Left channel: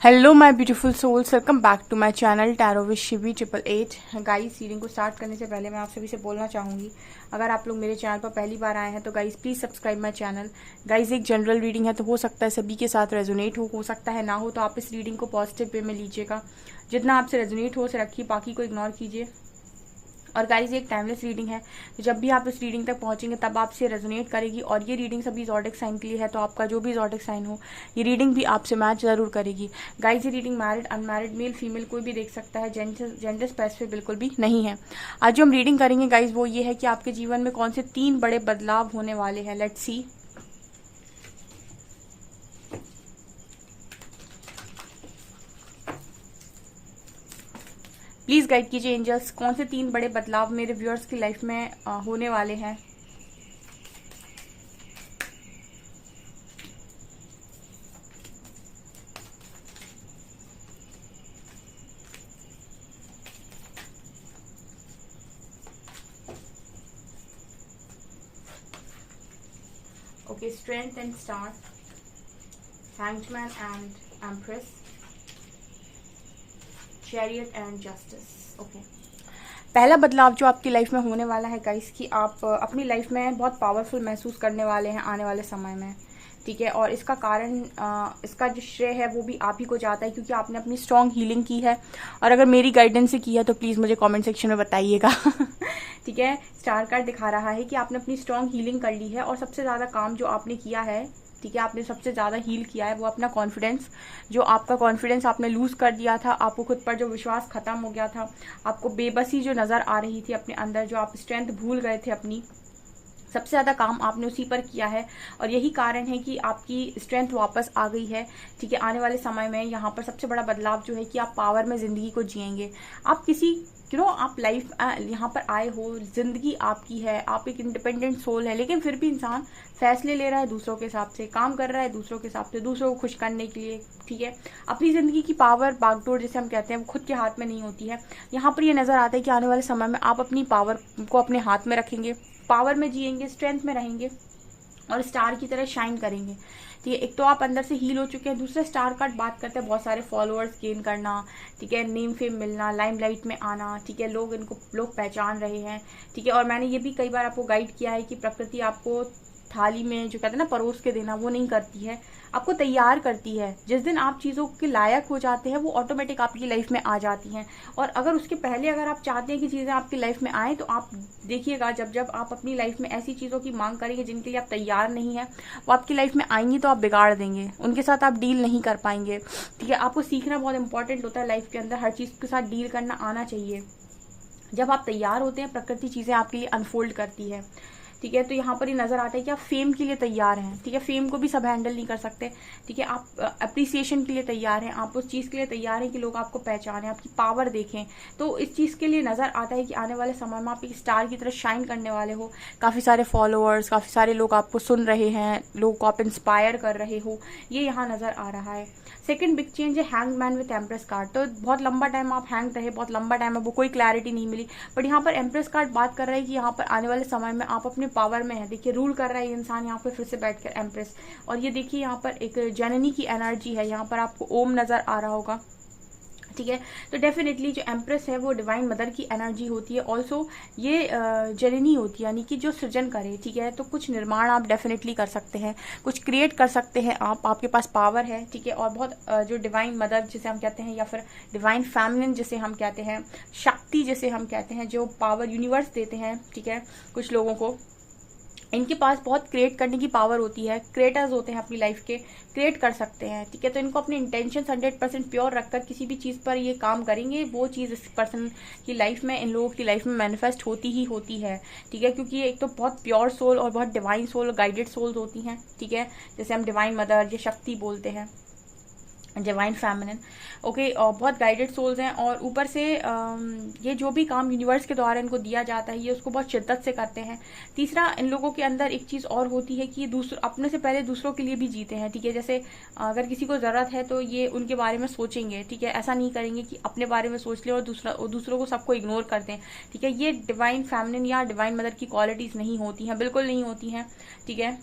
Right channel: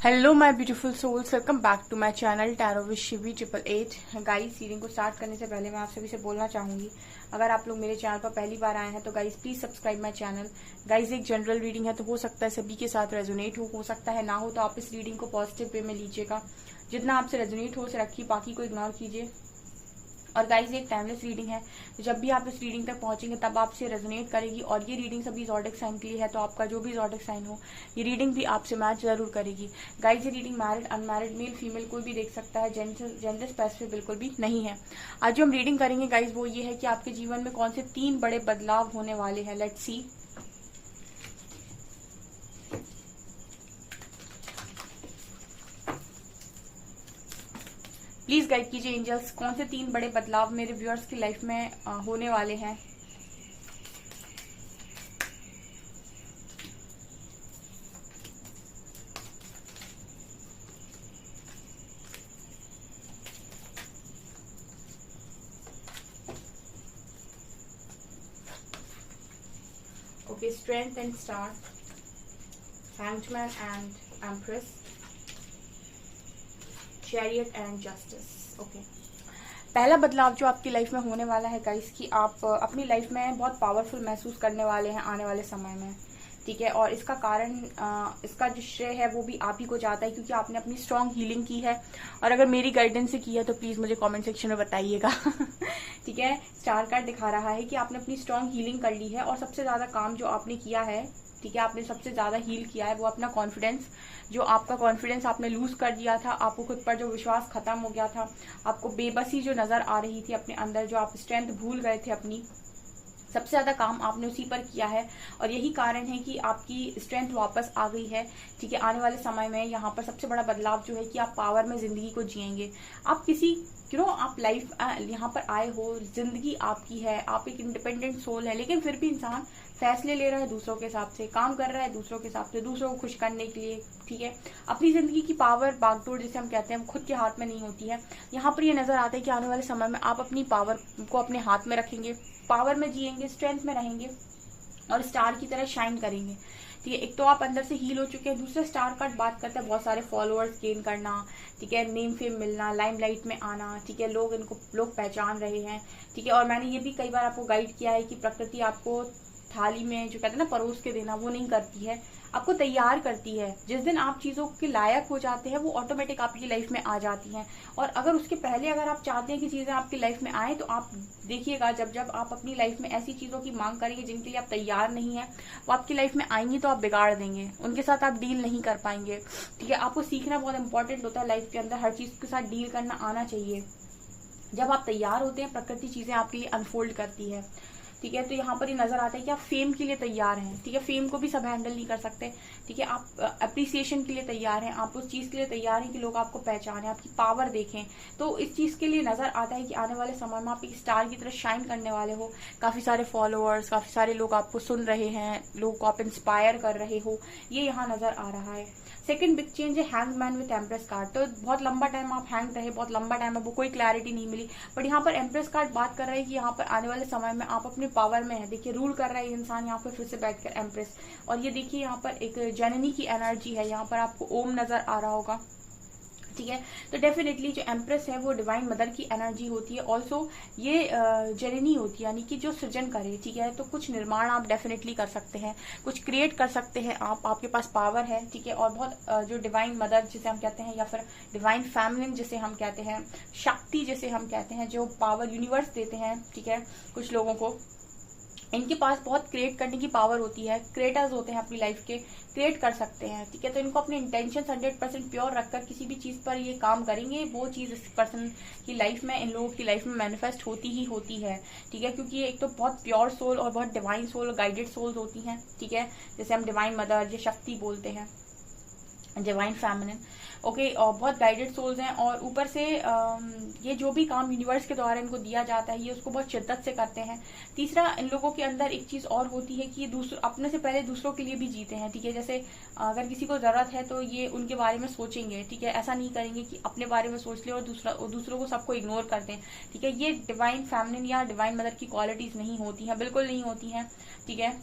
Hello my beautiful souls, welcome back to my channel tarot with Shivi 888। Guys, reading को start करने से पहले मैं आप सभी से बोलना चाहूंगी, अगर आप लोग मेरे चैनल पर पहली बार आए हैं तो guys please subscribe my channel. Guys, एक जनरल रीडिंग है तो हो सकता है सभी के साथ रेजोनेट हो सकता है ना हो, तो आप इस रीडिंग को पॉजिटिव वे में लीजिएगा। जितना आपसे रेजोनेट हो उसे रखिए, बाकी को इग्नोर कीजिए। और गाइज, ये एक टाइमलेस रीडिंग है, तो जब भी आप इस रीडिंग तक पहुंचेंगे तब आपसे रेजोनेट करेगी। और ये रीडिंग सभी ज़ोडिक साइन के लिए है, तो आपका जो भी ज़ोडिक साइन हो ये रीडिंग भी आपसे मैच जरूर करेगी। गाइज, ये reading married unmarried male female कोई भी देख सकता है, जेंडर स्पेसिफिक बिल्कुल भी नहीं है। आज जो हम रीडिंग करेंगे गाइज वो ये है कि आपके जीवन में कौन से 3 बड़े बदलाव होने वाले हैं। Let's see. प्लीज गाइड कीजिए एंजल्स, कौन से 3 बड़े बदलाव मेरे व्यूअर्स की लाइफ में होने वाले हैं। Okay, strength and star, hanged man and empress, chariot and justice. Okay. पहला बदलाव जो आपकी लाइफ में होने वाला है गाइस, कि आप अपनी लाइफ में बहुत पावरफुल महसूस करने वाले हैं आने वाले समय में। ठीक है, और इसका कारण इसका जो श्रेय है वो भी आप ही को जाता है, क्योंकि आपने अपनी स्ट्रॉन्ग हीलिंग की है। और अगर मेरी गाइडेंस से की है तो प्लीज मुझे कमेंट सेक्शन में बताइएगा। ठीक है, स्टार कार्ड दिखा रहा है कि आपने अपनी स्ट्रॉन्ग हीलिंग कर ली है, और सबसे ज्यादा काम जो आपने किया है, ठीक है, आपने सबसे ज्यादा हील किया है वो अपना कॉन्फिडेंस। जो आपका कॉन्फिडेंस आपने लूज कर दिया था, आपको खुद पर जो विश्वास खत्म हो गया था, आपको बेबसी जो नजर आ रही थी अपने अंदर, जो आप स्ट्रेंथ भूल गए थे अपनी, सबसे ज्यादा काम आपने उसी पर किया है। और यही कारण है कि आपकी स्ट्रेंथ वापस आ गई है। ठीक है, आने वाले समय में यहाँ पर सबसे बड़ा बदलाव जो है कि आप पावर में जिंदगी को जिएंगे। आप किसी आप लाइफ यहाँ पर आए हो, जिंदगी आपकी है, आप एक इंडिपेंडेंट सोल है, लेकिन फिर भी इंसान फैसले ले रहा है दूसरों के हिसाब से, काम कर रहा है दूसरों के हिसाब से, दूसरों को खुश करने के लिए। ठीक है, अपनी जिंदगी की पावर, बागडोर जिसे हम कहते हैं, वो खुद के हाथ में नहीं होती है। यहाँ पर ये नजर आता है कि आने वाले समय में आप अपनी पावर को अपने हाथ में रखेंगे, पावर में जिएंगे, स्ट्रेंथ में रहेंगे और स्टार की तरह शाइन करेंगे। ठीक है, एक तो आप अंदर से हील हो चुके हैं, दूसरे स्टार कार्ड बात करते हैं बहुत सारे फॉलोअर्स गेन करना। ठीक है, नेम फेम मिलना, लाइमलाइट में आना। ठीक है, लोग पहचान रहे हैं। ठीक है, और मैंने ये भी कई बार आपको गाइड किया है कि प्रकृति आपको थाली में जो कहते हैं ना परोस के देना, वो नहीं करती है, आपको तैयार करती है। जिस दिन आप चीजों के लायक हो जाते हैं वो ऑटोमेटिक आपकी लाइफ में आ जाती हैं। और अगर उसके पहले अगर आप चाहते हैं कि चीजें आपकी लाइफ में आए, तो आप देखिएगा जब जब आप अपनी लाइफ में ऐसी चीजों की मांग करेंगे जिनके लिए आप तैयार नहीं है, वो आपकी लाइफ में आएंगी तो आप बिगाड़ देंगे, उनके साथ आप डील नहीं कर पाएंगे। ठीक है, आपको सीखना बहुत इंपॉर्टेंट होता है लाइफ के अंदर, हर चीज के साथ डील करना आना चाहिए। जब आप तैयार होते हैं, प्रकृति चीजें आपके लिए अनफोल्ड करती है। ठीक है, तो यहाँ पर ये नजर आता है कि आप फेम के लिए तैयार हैं। ठीक है, फेम को भी सब हैंडल नहीं कर सकते। ठीक है, आप अप्रिसिएशन के लिए तैयार हैं, आप उस चीज के लिए तैयार हैं कि लोग आपको पहचानें, आपकी पावर देखें। तो इस चीज के लिए नजर आता है कि आने वाले समय में आप एक स्टार की तरह शाइन करने वाले हो। काफी सारे फॉलोअर्स, काफी सारे लोग आपको सुन रहे हैं, लोगों को आप इंस्पायर कर रहे हो, ये यहाँ नजर आ रहा है। सेकंड बिग चेंज है hanged man with empress card. तो बहुत लंबा टाइम आप हैंग रहे, बहुत लंबा टाइम आपको कोई क्लैरिटी नहीं मिली, बट यहाँ पर एम्प्रेस कार्ड बात कर रहा है कि यहाँ पर आने वाले समय में आप अपने पावर में है। देखिए, रूल कर रहा है इंसान यहाँ पर फिर से बैठकर एम्प्रेस। और ये देखिए, यहाँ पर एक जननी की एनर्जी है, यहाँ पर आपको ओम नजर आ रहा होगा। ठीक है, तो डेफिनेटली जो एम्प्रेस है वो डिवाइन मदर की एनर्जी होती है। ऑल्सो ये जननी होती है, यानी कि जो सृजन करे। ठीक है, तो कुछ निर्माण आप डेफिनेटली कर सकते हैं, कुछ क्रिएट कर सकते हैं आप, आपके पास पावर है। ठीक है, और बहुत जो डिवाइन मदर जिसे हम कहते हैं, या फिर डिवाइन फेमिनिन जिसे हम कहते हैं, शक्ति जिसे हम कहते हैं, जो पावर यूनिवर्स देते हैं। ठीक है, कुछ लोगों को इनके पास बहुत क्रिएट करने की पावर होती है, क्रिएटर्स होते हैं अपनी लाइफ के, क्रिएट कर सकते हैं। ठीक है, तो इनको अपने इंटेंशन 100% प्योर रखकर किसी भी चीज पर ये काम करेंगे, वो चीज इस पर्सन की लाइफ में, इन लोगों की लाइफ में मैनिफेस्ट होती ही होती है। ठीक है, क्योंकि ये एक तो बहुत प्योर सोल और बहुत डिवाइन सोल, गाइडेड सोल्स होती हैं। ठीक है, जैसे हम डिवाइन मदर, ये शक्ति बोलते हैं, डिवाइन फेमिनिन। ओके, और बहुत गाइडेड सोल्स हैं। और ऊपर से ये जो भी काम यूनिवर्स के द्वारा इनको दिया जाता है, ये उसको बहुत शिद्दत से करते हैं। तीसरा, इन लोगों के अंदर एक चीज और होती है कि अपने से पहले दूसरों के लिए भी जीते हैं। ठीक है, जैसे अगर किसी को जरूरत है तो ये उनके बारे में सोचेंगे। ठीक है, ऐसा नहीं करेंगे कि अपने बारे में सोच ले और दूसरों को सबको इग्नोर कर दें। ठीक है, ये डिवाइन फेमिनिन या डिवाइन मदर की क्वालिटीज नहीं होती हैं, बिल्कुल नहीं होती हैं। ठीक है,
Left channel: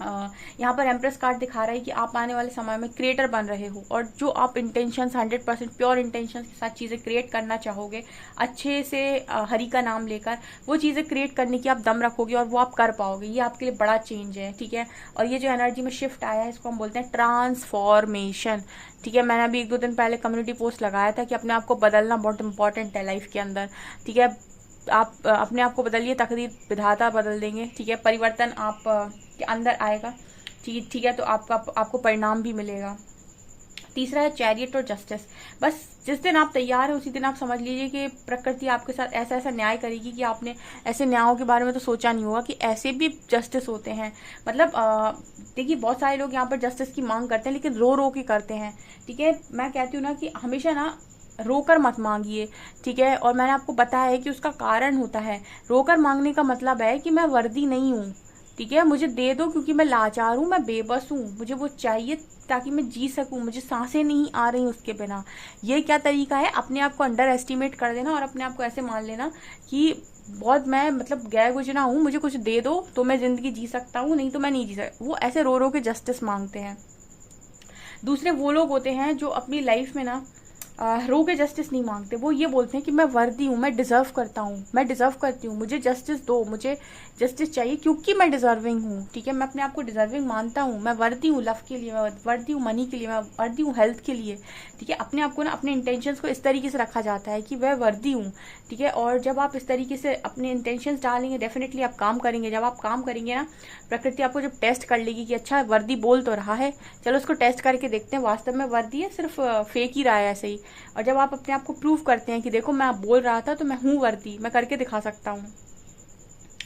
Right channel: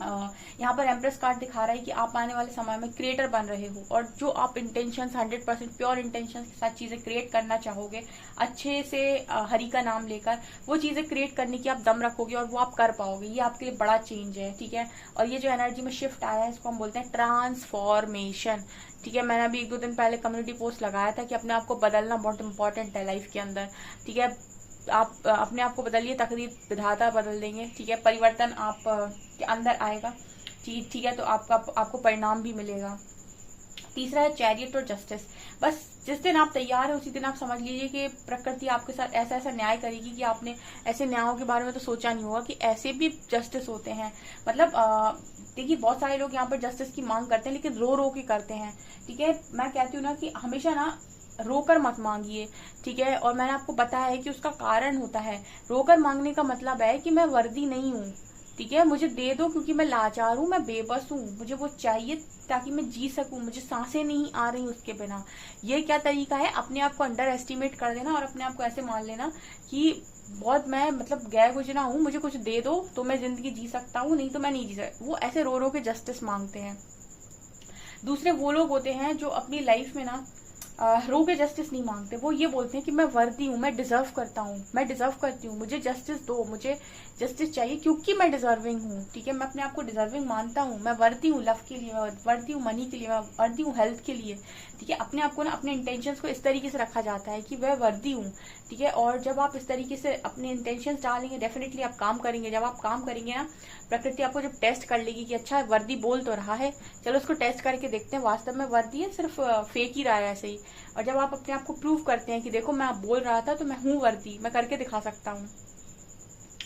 यहाँ पर एम्प्रेस कार्ड दिखा रहा है कि आप आने वाले समय में क्रिएटर बन रहे हो, और जो आप इंटेंशंस 100% प्योर इंटेंशंस के साथ चीजें क्रिएट करना चाहोगे, अच्छे से हरि का नाम लेकर वो चीजें क्रिएट करने की आप दम रखोगे और वो आप कर पाओगे। ये आपके लिए बड़ा चेंज है, ठीक है। और ये जो एनर्जी में शिफ्ट आया है इसको हम बोलते हैं ट्रांसफॉर्मेशन, ठीक है। मैंने अभी 1-2 दिन पहले कम्युनिटी पोस्ट लगाया था कि अपने आप को बदलना बहुत इंपॉर्टेंट है लाइफ के अंदर, ठीक है। आप अपने आप को बदलिए, तकदीर विधाता बदल देंगे, ठीक है। परिवर्तन आप के अंदर आएगा, ठीक है। तो आपको परिणाम भी मिलेगा। तीसरा है चैरियट और जस्टिस। बस जिस दिन आप तैयार है उसी दिन आप समझ लीजिए कि प्रकृति आपके साथ ऐसा ऐसा न्याय करेगी कि आपने ऐसे न्यायों के बारे में तो सोचा नहीं होगा कि ऐसे भी जस्टिस होते हैं। मतलब देखिए बहुत सारे लोग यहाँ पर जस्टिस की मांग करते हैं लेकिन रो रो के करते हैं, ठीक है। मैं कहती हूँ ना कि हमेशा ना रोकर मत मांगिए, ठीक है। और मैंने आपको बताया है कि उसका कारण होता है। रोकर मांगने का मतलब है कि मैं वर्दी नहीं हूँ, ठीक है, मुझे दे दो क्योंकि मैं लाचार हूँ, मैं बेबस हूँ, मुझे वो चाहिए ताकि मैं जी सकूं, मुझे सांसें नहीं आ रही उसके बिना। ये क्या तरीका है? अपने आप को अंडर एस्टिमेट कर देना और अपने आप को ऐसे मान लेना कि बहुत मैं मतलब गैर गुजना हूँ, मुझे कुछ दे दो तो मैं जिंदगी जी सकता हूँ, नहीं तो मैं नहीं जी सकता। वो ऐसे रो रो के जस्टिस मांगते हैं। दूसरे वो लोग होते हैं जो अपनी लाइफ में ना रो के जस्टिस नहीं मांगते। वो ये बोलते हैं कि मैं वर्दी हूँ, मैं डिजर्व करता हूँ, मैं डिजर्व करती हूँ, मुझे जस्टिस दो, मुझे जस्टिस चाहिए क्योंकि मैं डिजर्विंग हूँ, ठीक है। मैं अपने आप को डिजर्विंग मानता हूँ, मैं वर्दी हूँ लव के लिए, मैं वर्दी हूँ मनी के लिए, मैं वर्दी हूँ हेल्थ के लिए, ठीक है। अपने आप को ना अपने इंटेंशंस को इस तरीके से रखा जाता है कि वह वर्दी हूँ, ठीक है। और जब आप इस तरीके से अपने इंटेंशंस डालेंगे डेफिनेटली आप काम करेंगे। जब आप काम करेंगे ना, प्रकृति आपको जब टेस्ट कर लेगी कि अच्छा वर्दी बोल तो रहा है, चलो उसको टेस्ट करके देखते हैं वास्तव में वर्दी है सिर्फ फेक ही रहा है ऐसे ही। और जब आप अपने आप को प्रूव करते हैं कि देखो मैं बोल रहा था तो मैं हूं वर्दी, मैं करके दिखा सकता हूँ,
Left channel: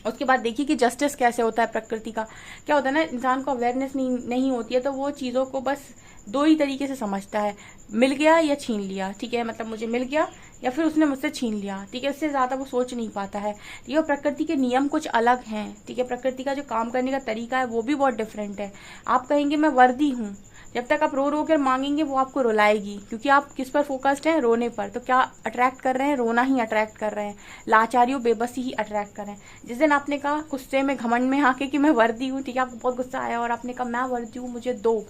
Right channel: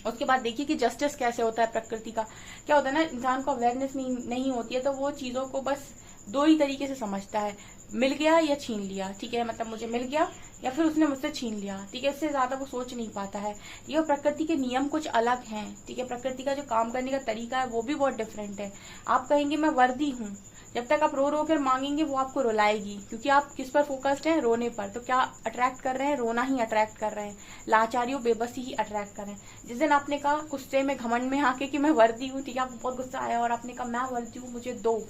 उसके बाद देखिए कि जस्टिस कैसे होता है प्रकृति का। क्या होता है ना, इंसान को अवेयरनेस नहीं होती है तो वो चीजों को बस 2 ही तरीके से समझता है, मिल गया या छीन लिया, ठीक है। मतलब मुझे मिल गया या फिर उसने मुझसे छीन लिया, ठीक है। इससे ज्यादा वो सोच नहीं पाता है, ठीक है। प्रकृति के नियम कुछ अलग हैं, ठीक है। प्रकृति का जो काम करने का तरीका है वो भी बहुत डिफरेंट है। आप कहेंगे मैं वर्दी हूँ, जब तक आप रो रो कर मांगेंगे वो आपको रुलाएगी, क्योंकि आप किस पर फोकस्ड हैं? रोने पर। तो क्या अट्रैक्ट कर रहे हैं? रोना ही अट्रैक्ट कर रहे हैं, लाचारियों बेबसी ही अट्रैक्ट कर रहे हैं। जिस दिन आपने कहा गुस्से में घमंड में आके कि मैं वर्दी हूँ, ठीक है, आपको बहुत गुस्सा आया और आपने कहा मैं वर्दी हूँ मुझे दो,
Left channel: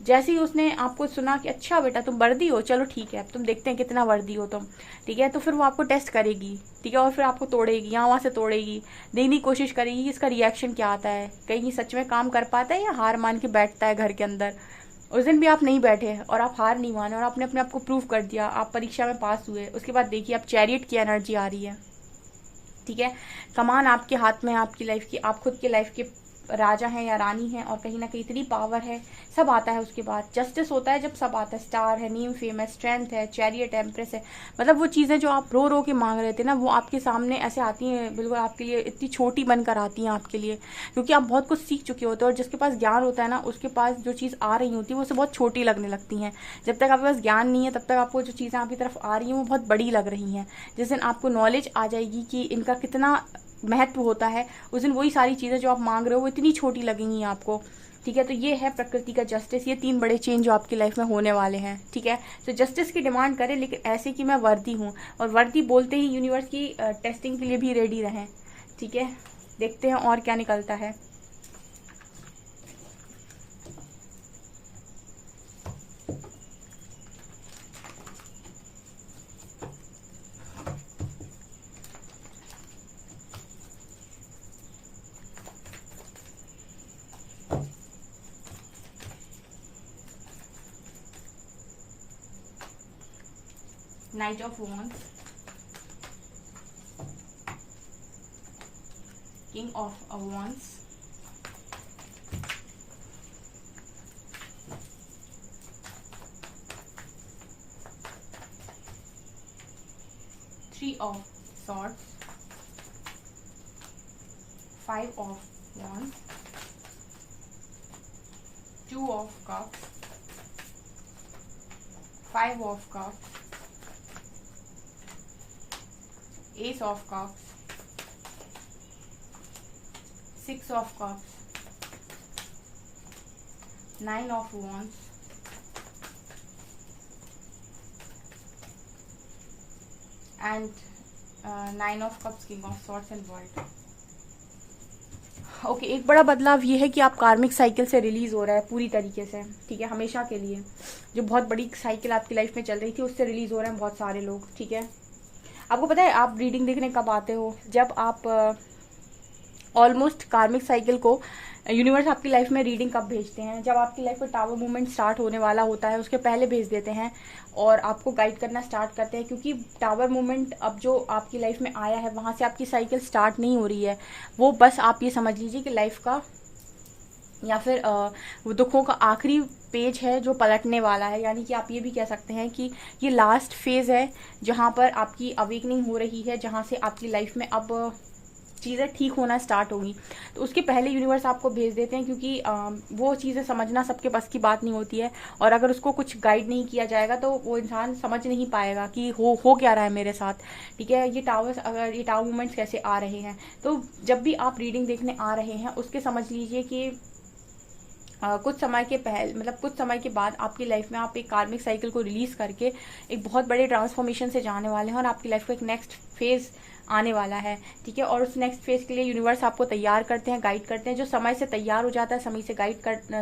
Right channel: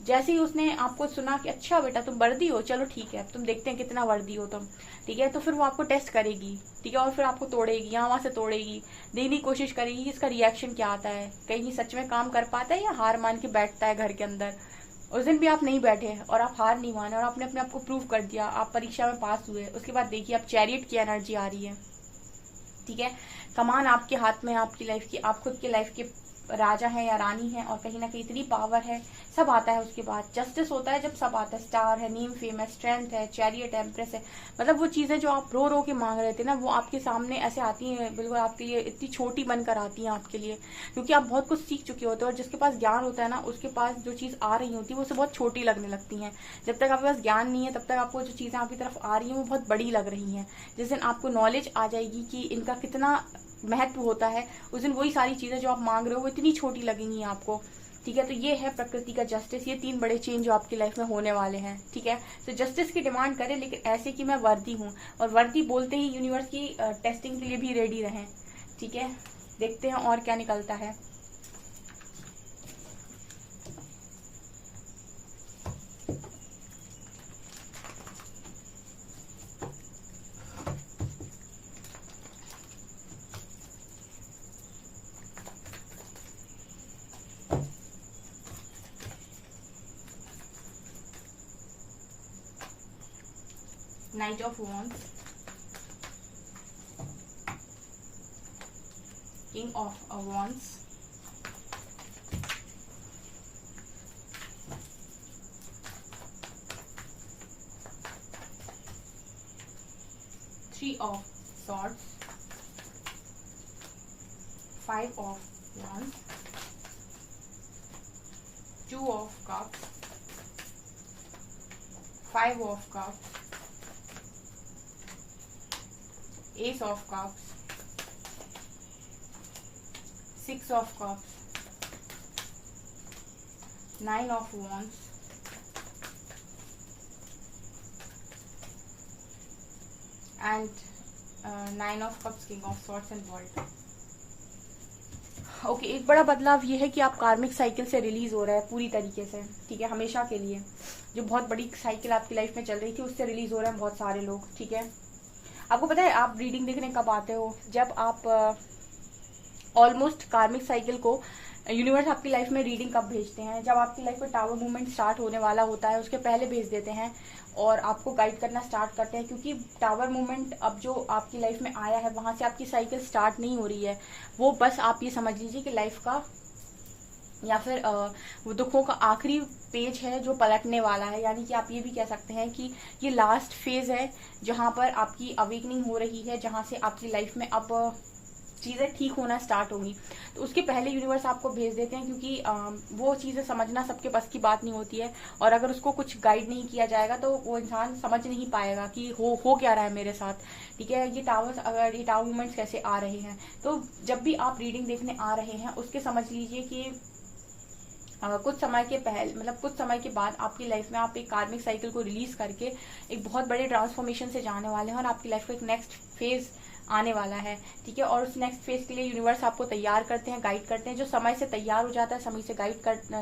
जैसे ही उसने आपको सुना कि अच्छा बेटा तुम वर्दी हो, चलो ठीक है तुम देखते हैं कितना वर्दी हो तुम, ठीक है, तो फिर वो आपको टेस्ट करेगी, ठीक है। और फिर आपको तोड़ेगी, यहाँ वहां से तोड़ेगी, देखने की कोशिश करेगी कि इसका रिएक्शन क्या आता है, कहीं सच में काम कर पाता है या हार मान के बैठता है घर के अंदर। उस दिन भी आप नहीं बैठे और आप हार नहीं माने और आपने अपने आप को प्रूव कर दिया, आप परीक्षा में पास हुए। उसके बाद देखिए आप चैरियट की एनर्जी आ रही है, ठीक है। कमान आपके हाथ में है आपकी लाइफ की, आप खुद की लाइफ के राजा हैं या रानी हैं, और कहीं ना कहीं इतनी पावर है, सब आता है। उसके बाद जस्टिस होता है जब सब आता है, स्टार है, नीम फेम है, स्ट्रेंथ है, चैरियट एम्प्रेस है। मतलब वो चीजें जो आप रो रो के मांग रहे थे ना, वो आपके सामने ऐसे आती हैं, बिल्कुल आपके लिए इतनी छोटी बनकर आती हैं आपके लिए, क्योंकि आप बहुत कुछ सीख चुके होते हैं। और जिसके पास ज्ञान होता है ना, उसके पास जो चीज आ रही होती है वो उसे बहुत छोटी लगने लगती है। जब तक आपके पास ज्ञान नहीं है तब तक आपको जो चीजें आपकी तरफ आ रही हैं वो बहुत बड़ी लग रही हैं। जिस दिन आपको नॉलेज आ जाएगी कि इनका कितना महत्व होता है, उस दिन वही सारी चीजें जो आप मांग रहे हो वो इतनी छोटी लगेंगी आपको, ठीक है। तो ये है प्रकृति का जस्टिस। ये 3 बड़े चेंज जो आपकी लाइफ में होने वाले हैं, ठीक है। तो जस्टिस की डिमांड करें लेकिन ऐसे कि मैं वर्दी हूँ, और वर्दी बोलते ही यूनिवर्स की टेस्टिंग के लिए भी रेडी रहें, ठीक है। देखते हैं और क्या निकलता है। Knight of Wands, King of Wands, Three of Swords, 5 of Wands, 2 of Cups, 5 of Cups, Ace of Cups, 6 of Cups, 9 of Wands, and 9 of Cups, King of Swords and World. Okay, एक बड़ा बदलाव ये है कि आप कार्मिक cycle से release हो रहा है पूरी तरीके से, ठीक है, हमेशा के लिए। जो बहुत बड़ी साइकिल आपकी लाइफ में चल रही थी उससे रिलीज हो रहे हैं बहुत सारे लोग, ठीक है। आपको पता है आप रीडिंग देखने कब आते हो? जब आप ऑलमोस्ट कार्मिक साइकिल को यूनिवर्स आपकी लाइफ में रीडिंग कब भेजते हैं? जब आपकी लाइफ में टावर मूवमेंट स्टार्ट होने वाला होता है उसके पहले भेज देते हैं और आपको गाइड करना स्टार्ट करते हैं, क्योंकि टावर मूवमेंट अब जो आपकी लाइफ में आया है वहां से आपकी साइकिल स्टार्ट नहीं हो रही है। वो बस आप ये समझ लीजिए कि लाइफ का या फिर दुखों का आखिरी पेज है जो पलटने वाला है। यानी कि आप ये भी कह सकते हैं कि ये लास्ट फेज है जहां पर आपकी अवेकनिंग हो रही है, जहां से आपकी लाइफ में अब चीजें ठीक होना स्टार्ट होगी। तो उसके पहले यूनिवर्स आपको भेज देते हैं, क्योंकि वो चीजें समझना सबके बस की बात नहीं होती है, और अगर उसको कुछ गाइड नहीं किया जाएगा तो वो इंसान समझ नहीं पाएगा कि हो क्या रहा है मेरे साथ, ठीक है। ये टावर मूवमेंट्स कैसे आ रहे हैं। तो जब भी आप रीडिंग देखने आ रहे हैं उसके समझ लीजिए कि कुछ समय के पहले, मतलब कुछ समय के बाद आपकी लाइफ में आप एक कार्मिक साइकिल को रिलीज करके एक बहुत बड़े ट्रांसफॉर्मेशन से जाने वाले हैं और आपकी लाइफ का एक नेक्स्ट फेज आने वाला है, ठीक है। और उस नेक्स्ट फेज के लिए यूनिवर्स आपको तैयार करते हैं, गाइड करते हैं। जो समय से तैयार हो जाता है,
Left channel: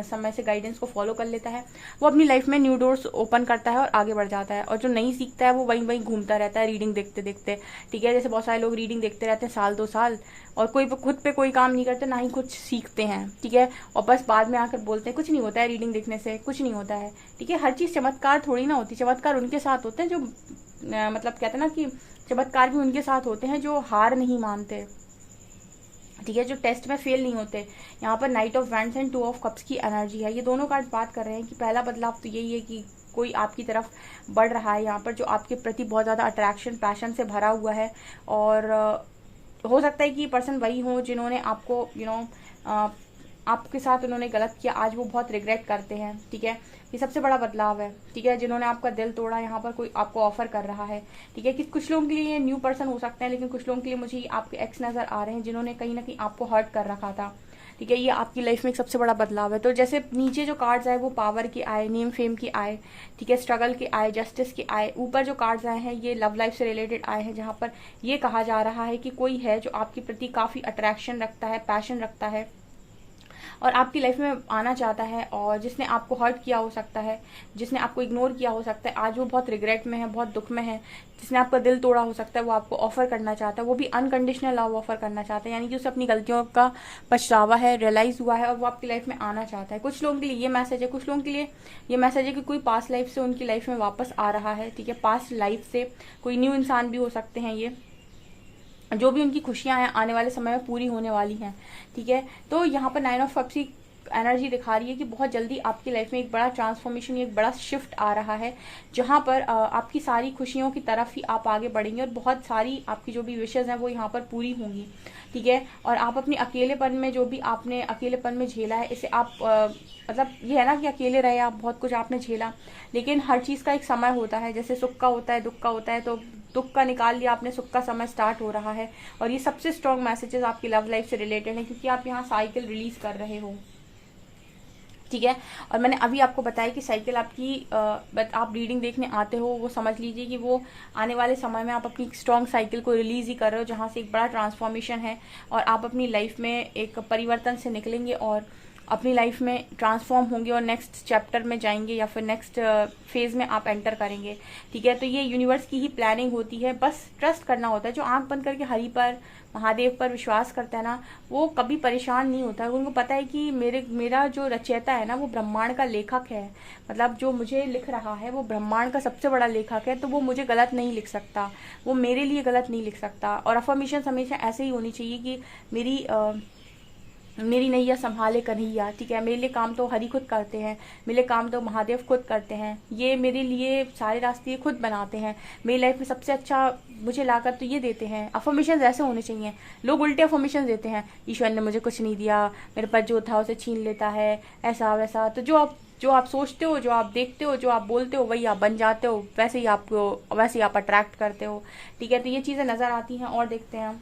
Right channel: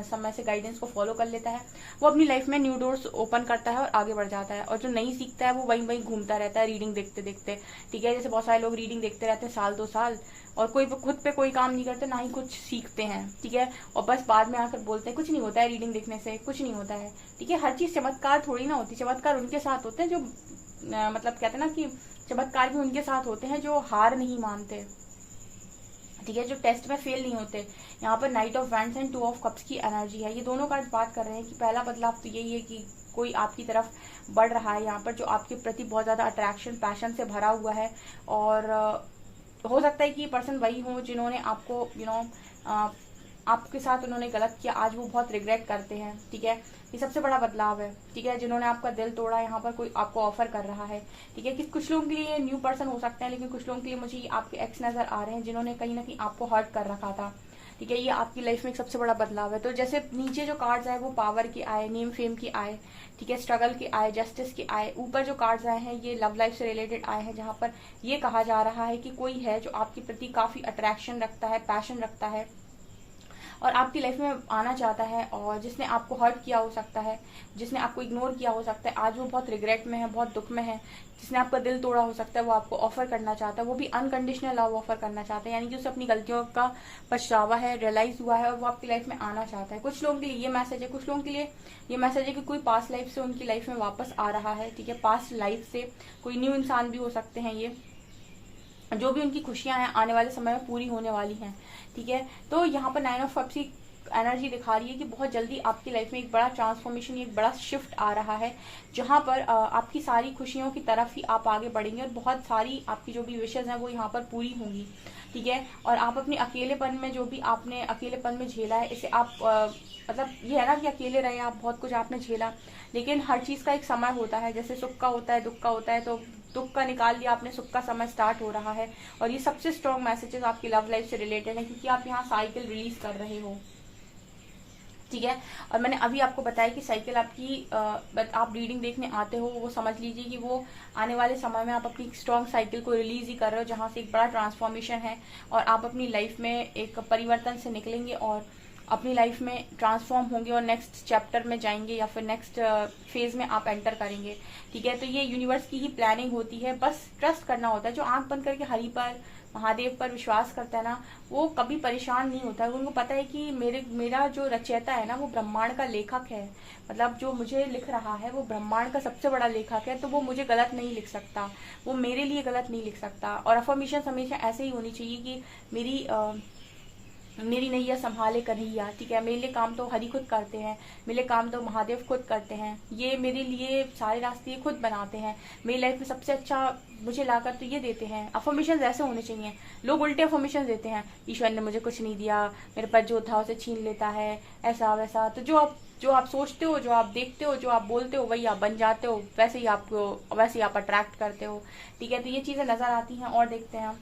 समय से गाइडेंस को फॉलो कर लेता है, वो अपनी लाइफ में न्यू डोर्स ओपन करता है और आगे बढ़ जाता है। और जो नहीं सीखता है वो वहीं वहीं घूमता रहता है रीडिंग देखते देखते, ठीक है। जैसे बहुत सारे लोग रीडिंग देखते रहते हैं साल 2 साल और कोई खुद पे कोई काम नहीं करते, ना ही कुछ सीखते हैं, ठीक है। और बस बाद में आकर बोलते हैं कुछ नहीं होता है, रीडिंग देखने से कुछ नहीं होता है, ठीक है। हर चीज चमत्कार थोड़ी ना होती। चमत्कार उनके साथ होते हैं जो मतलब कहते हैं ना कि चमत्कार भी उनके साथ होते हैं जो हार नहीं मानते, ठीक है, जो टेस्ट में फेल नहीं होते। यहाँ पर night of wands and 2 of cups की एनर्जी है। ये दोनों कार्ड बात कर रहे हैं कि पहला बदलाव तो यही है कि कोई आपकी तरफ बढ़ रहा है यहाँ पर, जो आपके प्रति बहुत ज्यादा अट्रैक्शन, पैशन से भरा हुआ है। और हो सकता है कि पर्सन वही हो जिन्होंने आपको आपके साथ उन्होंने गलत किया, आज वो बहुत रिग्रेट करते हैं, ठीक है। ये सबसे बड़ा बदलाव है, ठीक है। जिन्होंने आपका दिल तोड़ा, यहाँ पर कोई आपको ऑफर कर रहा है, ठीक है। कि कुछ लोगों के लिए न्यू पर्सन हो सकते हैं, लेकिन कुछ लोगों के लिए मुझे आपके एक्स नजर आ रहे हैं जिन्होंने कहीं ना कहीं आपको हर्ट कर रखा था, ठीक है। ये आपकी लाइफ में एक सबसे बड़ा बदलाव है। तो जैसे नीचे जो कार्ड्स आए वो पावर की आए, नेम फेम की आए, ठीक है, स्ट्रगल के आए, जस्टिस के आए। ऊपर जो कार्ड्स आए हैं ये लव लाइफ से रिलेटेड आए हैं, जहां पर ये कहा जा रहा है कि कोई है जो आपके प्रति काफी अट्रैक्शन रखता है, पैशन रखता है और आपकी लाइफ में आना चाहता है, और जिसने आपको हर्ट किया हो सकता है, जिसने आपको इग्नोर किया हो सकता है, आज वो बहुत रिग्रेट में है, बहुत दुख में है। जिसने आपका दिल तोड़ा हो सकता है वो आपको ऑफर करना चाहता है, वो भी अनकंडीशनल लव ऑफर करना चाहता है। यानी कि उसे अपनी गलतियों का पछतावा है, रियलाइज हुआ है और वो आपकी लाइफ में आना चाहता है। कुछ लोगों के लिए ये मैसेज है, कुछ लोगों के लिए ये मैसेज है कि कोई पास्ट लाइफ से उनकी लाइफ में वापस आ रहा है, ठीक है। पास्ट लाइफ से कोई न्यू इंसान भी हो सकते हैं ये, जो भी उनकी खुशियां हैं आने वाले समय में पूरी होने वाली हैं, ठीक है। तो यहाँ पर 9 ऑफ कप्स की एनर्जी दिखा रही है कि बहुत जल्दी आपकी लाइफ में एक बड़ा ट्रांसफॉर्मेशन, एक बड़ा शिफ्ट आ रहा है, जहां पर आपकी सारी खुशियों की तरफ ही आप आगे बढ़ेंगे और बहुत सारी आपकी जो भी विशेष हैं वो यहाँ पर पूरी होंगी, ठीक है। और आप अपने अकेलेपन में, जो भी आपने अकेलेपन में झेला है, इसे आप मतलब ये है ना कि अकेले रहे आप, बहुत कुछ आपने झेला, लेकिन हर चीज का एक समय होता है। जैसे सुख का होता है, दुख का होता है, तो दुख का निकाल लिया आपने, सुख का समय स्टार्ट हो रहा है। और ये सबसे स्ट्रॉन्ग मैसेजेस आपकी लव लाइफ से रिलेटेड है, क्योंकि आप यहाँ साइकिल रिलीज कर रहे हो, ठीक है। और मैंने अभी आपको बताया कि साइकिल आपकी आप रीडिंग देखने आते हो, वो समझ लीजिए कि वो आने वाले समय में आप अपनी स्ट्रॉन्ग साइकिल को रिलीज ही कर रहे हो, जहां से एक बड़ा ट्रांसफॉर्मेशन है और आप अपनी लाइफ में एक परिवर्तन से निकलेंगे और अपनी लाइफ में ट्रांसफॉर्म होंगे और नेक्स्ट चैप्टर में जाएंगे या फिर नेक्स्ट फेज में आप एंटर करेंगे, ठीक है। तो ये यूनिवर्स की ही प्लानिंग होती है, बस ट्रस्ट करना होता है। जो आंख बंद करके हरि पर, महादेव पर विश्वास करता है ना, वो कभी परेशान नहीं होता है। उनको पता है कि मेरा जो रचयिता है ना वो ब्रह्मांड का लेखक है, मतलब जो मुझे लिख रहा है वो ब्रह्मांड का सबसे बड़ा लेखक है, तो वो मुझे गलत नहीं लिख सकता, वो मेरे लिए गलत नहीं लिख सकता। और अफर्मेशन हमेशा ऐसे ही होनी चाहिए कि मेरी नैया संभाले कन्हैया, ठीक है। मेरे लिए काम तो हरि खुद करते हैं, मेरे लिए काम तो महादेव खुद करते हैं, ये मेरे लिए सारे रास्ते खुद बनाते हैं, मेरी लाइफ में सबसे अच्छा मुझे लाकर तो ये देते हैं। अफर्मेशन ऐसे होने चाहिए। लोग उल्टे अफर्मेशन देते हैं, ईश्वर ने मुझे कुछ नहीं दिया, मेरे पास जो था उसे छीन लेता है, ऐसा वैसा। तो जो आप सोचते हो, जो आप देखते हो, जो आप बोलते हो, वही आप बन जाते हो, वैसे ही आप अट्रैक्ट करते हो, ठीक है। तो ये चीजें नजर आती हैं। और देखते हैं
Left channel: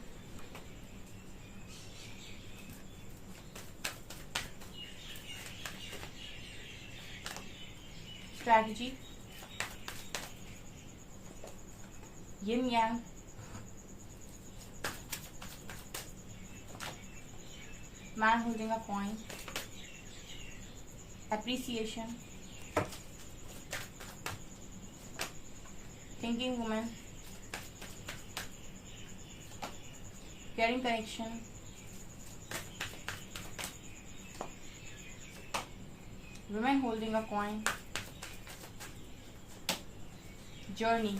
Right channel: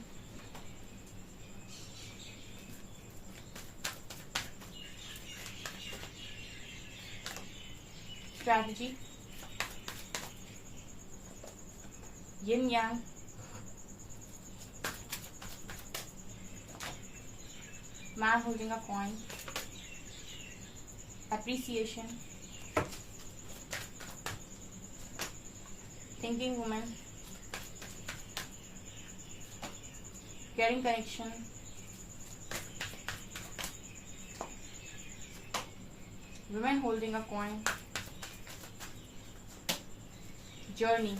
strategy, yin Yang, Man holding a coin. Appreciation. Thinking woman. Caring connection. Woman holding a coin. Journey.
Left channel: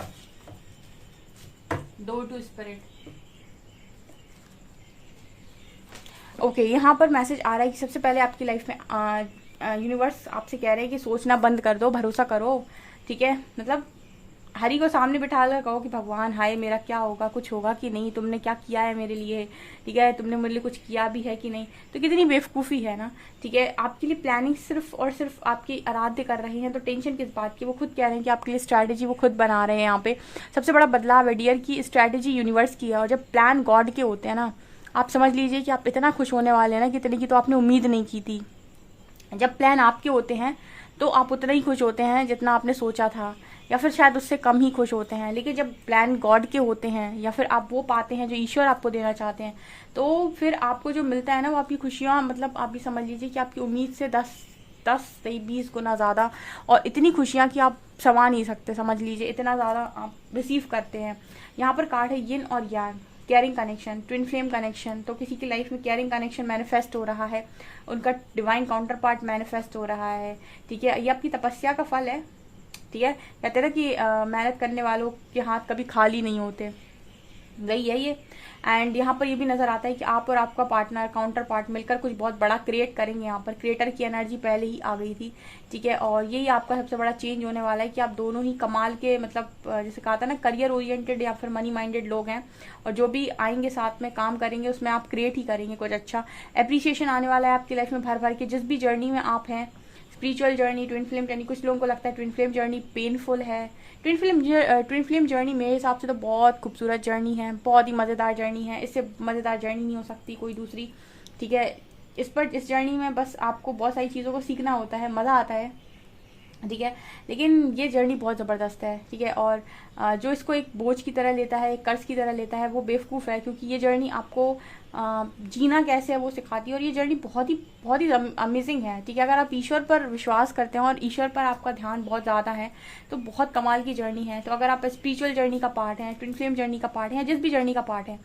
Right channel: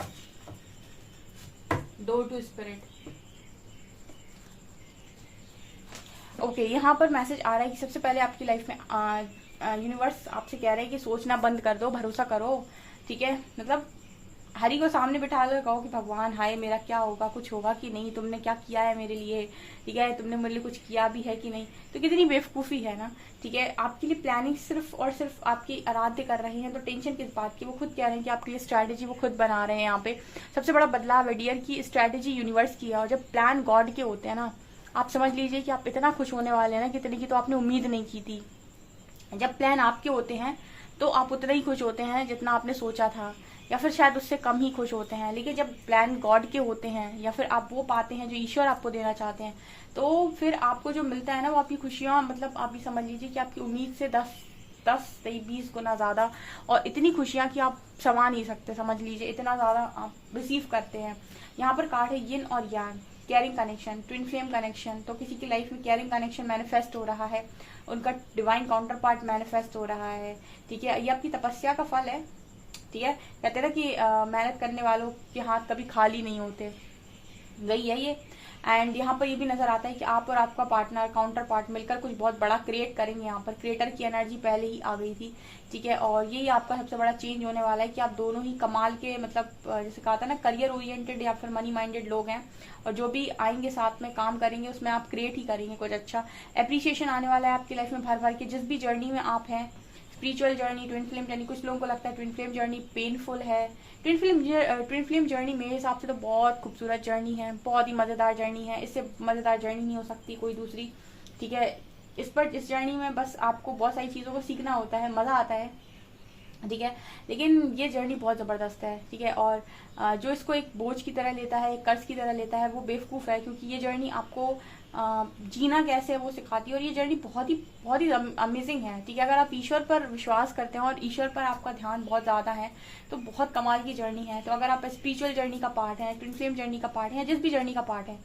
Door to spirit. Okay यहाँ पर मैसेज आ रहा है कि सबसे पहले आपकी लाइफ में यूनिवर्स आपसे कह रहे हैं कि सोचना बंद कर दो, भरोसा करो, ठीक है। मतलब हरि को सामने बिठा कर कहो कि भगवान हाय मेरा क्या होगा, कुछ होगा कि नहीं, तुमने क्या किया है मेरे लिए, ठीक है, तुमने मेरे लिए कुछ किया भी है कि नहीं। तो कितनी बेवकूफ़ी है ना, ठीक है। आपके लिए प्लानिंग सिर्फ और सिर्फ आपकी आराध्य कर रहे हैं, तो टेंशन किस बात की। वो खुद कह रहे हैं कि आपके लिए स्ट्रैटेजी वो खुद बना रहे हैं। यहाँ पे सबसे बड़ा बदलाव है डियर की स्ट्रैटेजी यूनिवर्स की है, और जब प्लान गॉड के होते हैं ना, आप समझ लीजिए कि आप इतना खुश होने वाले हैं ना, कितने की तो आपने उम्मीद नहीं की थी। जब प्लान आपके होते हैं तो आप उतना ही खुश होते हैं जितना आपने सोचा था, या फिर शायद उससे कम ही खुश होते हैं। लेकिन जब प्लान गॉड के होते हैं, या फिर आप वो पाते हैं जो ईश्वर आपको देना चाहते हैं, तो फिर आपको जो मिलता है ना, वो आपकी खुशियां, मतलब आप भी समझ लीजिए कि आपकी उम्मीद से 10-20 गुना ज्यादा, और इतनी खुशियां कि आप समा नहीं सकते। समझ लीजिए इतना ज्यादा आप रिसीव करते हैं। यहाँ पर कार्ड है यिन और yang, caring connection, twin flame connection. तो किसी की लाइफ में केयरिंग कनेक्शन मैनिफेस्ट हो रहा है, उनका डिवाइन काउंटर पार्ट मैनिफेस्ट हो रहा है, ठीक है। ये आपकी तपस्या का फल है, ठीक है। कहते हैं ना कि मेहनत करने वालों के हाथ कभी खाली नहीं होते, वही है ये। एंड यहाँ पर ये भी नजर आता है कि आप और आपका पार्टनर, काउंटर पार्ट मिलकर कुछ बहुत बड़ा क्रिएट करेंगे। यहाँ पर क्रिएटर की एनर्जी पहले ही आ गई थी, ठीक है। और यही आपका सबसे बड़ा चेंज होने वाला है कि आप दोनों ही कमाल के, मतलब जैसे कहा था ना, करियर ओरिएंटेड या फिर मनी माइंडेड लोग हैं, और जो भी आएंगे साथ में काम करेंगे उसमें आप क्रिएट ही करेंगे कुछ अच्छा। एप्रिसिएशन आने वाला है आपकी लाइफ में भर भर के, जिस भी जर्नी में आप हैं। Spiritual journey, twin flame journey, कुछ लोगों को लगता है ट्विन फ्लेम जर्नी पेनफुल है। ट्विन फ्लेम जर्नी मेरे हिसाब से तो बहुत खूबसूरत जर्नी है, बहुत ही मजेदार जर्नी है। इससे मजेदार जर्नी नहीं हो सकती कोई दूसरी, ठीक है। इस जर्नी में बस आपको बहुत सारी चीजों को सीखना होता है, मजा आता है, ठीक है। लेकिन ये जर्नी बहुत जबरदस्त है, ठीक है। और जो इसको एक बोझ की तरह लेता है, एक कर्ज की तरह लेता है, वो बेवकूफ है, क्योंकि ये जर्नी आपको जीना कैसे है वो सिखाती है। और ये जर्नी बहुत ही अमेजिंग है, ठीक है। अगर आप ईश्वर पर विश्वास करते हैं और ईश्वर पर आपका ध्यान बहुत ज्यादा है, तो बहुत कमाल की जर्नी है। तो अगर आप स्पिरिचुअल जर्नी का पार्ट है, ट्विन फ्लेम जर्नी का पार्ट है, जिस भी जर्नी का पार्ट है,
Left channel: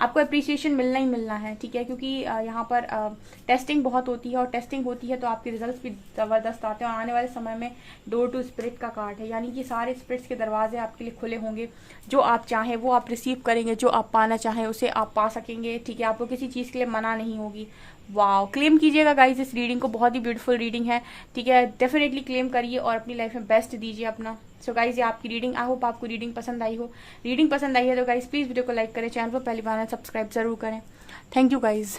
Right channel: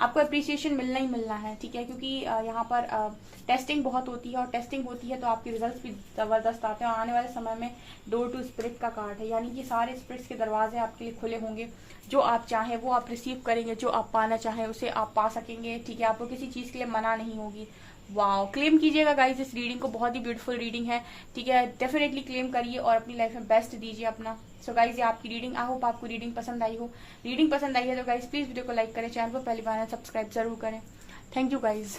आपको अप्रिसिएशन मिलना ही मिलना है, ठीक है। क्योंकि यहाँ पर टेस्टिंग बहुत होती है, और टेस्टिंग होती है तो आपके रिजल्ट्स भी जबरदस्त आते हैं। और आने वाले समय में डोर टू स्पिरिट का कार्ड है, यानी कि सारे स्पिरिट्स के दरवाजे आपके लिए खुले होंगे। जो आप चाहें वो आप रिसीव करेंगे, जो आप पाना चाहें उसे आप पा सकेंगे, ठीक है। आपको किसी चीज के लिए मना नहीं होगी। वाओ, क्लेम कीजिएगा गाइस इस रीडिंग को, बहुत ही ब्यूटीफुल रीडिंग है, ठीक है। डेफिनेटली क्लेम करिए और अपनी लाइफ में बेस्ट दीजिए अपना। सो गाइस ये आपकी रीडिंग, आई होप आपको रीडिंग पसंद आई हो। रीडिंग पसंद आई है तो गाइस प्लीज वीडियो को लाइक करें, चैनल को पहली बार सब्सक्राइब जरूर करें। Thank you guys.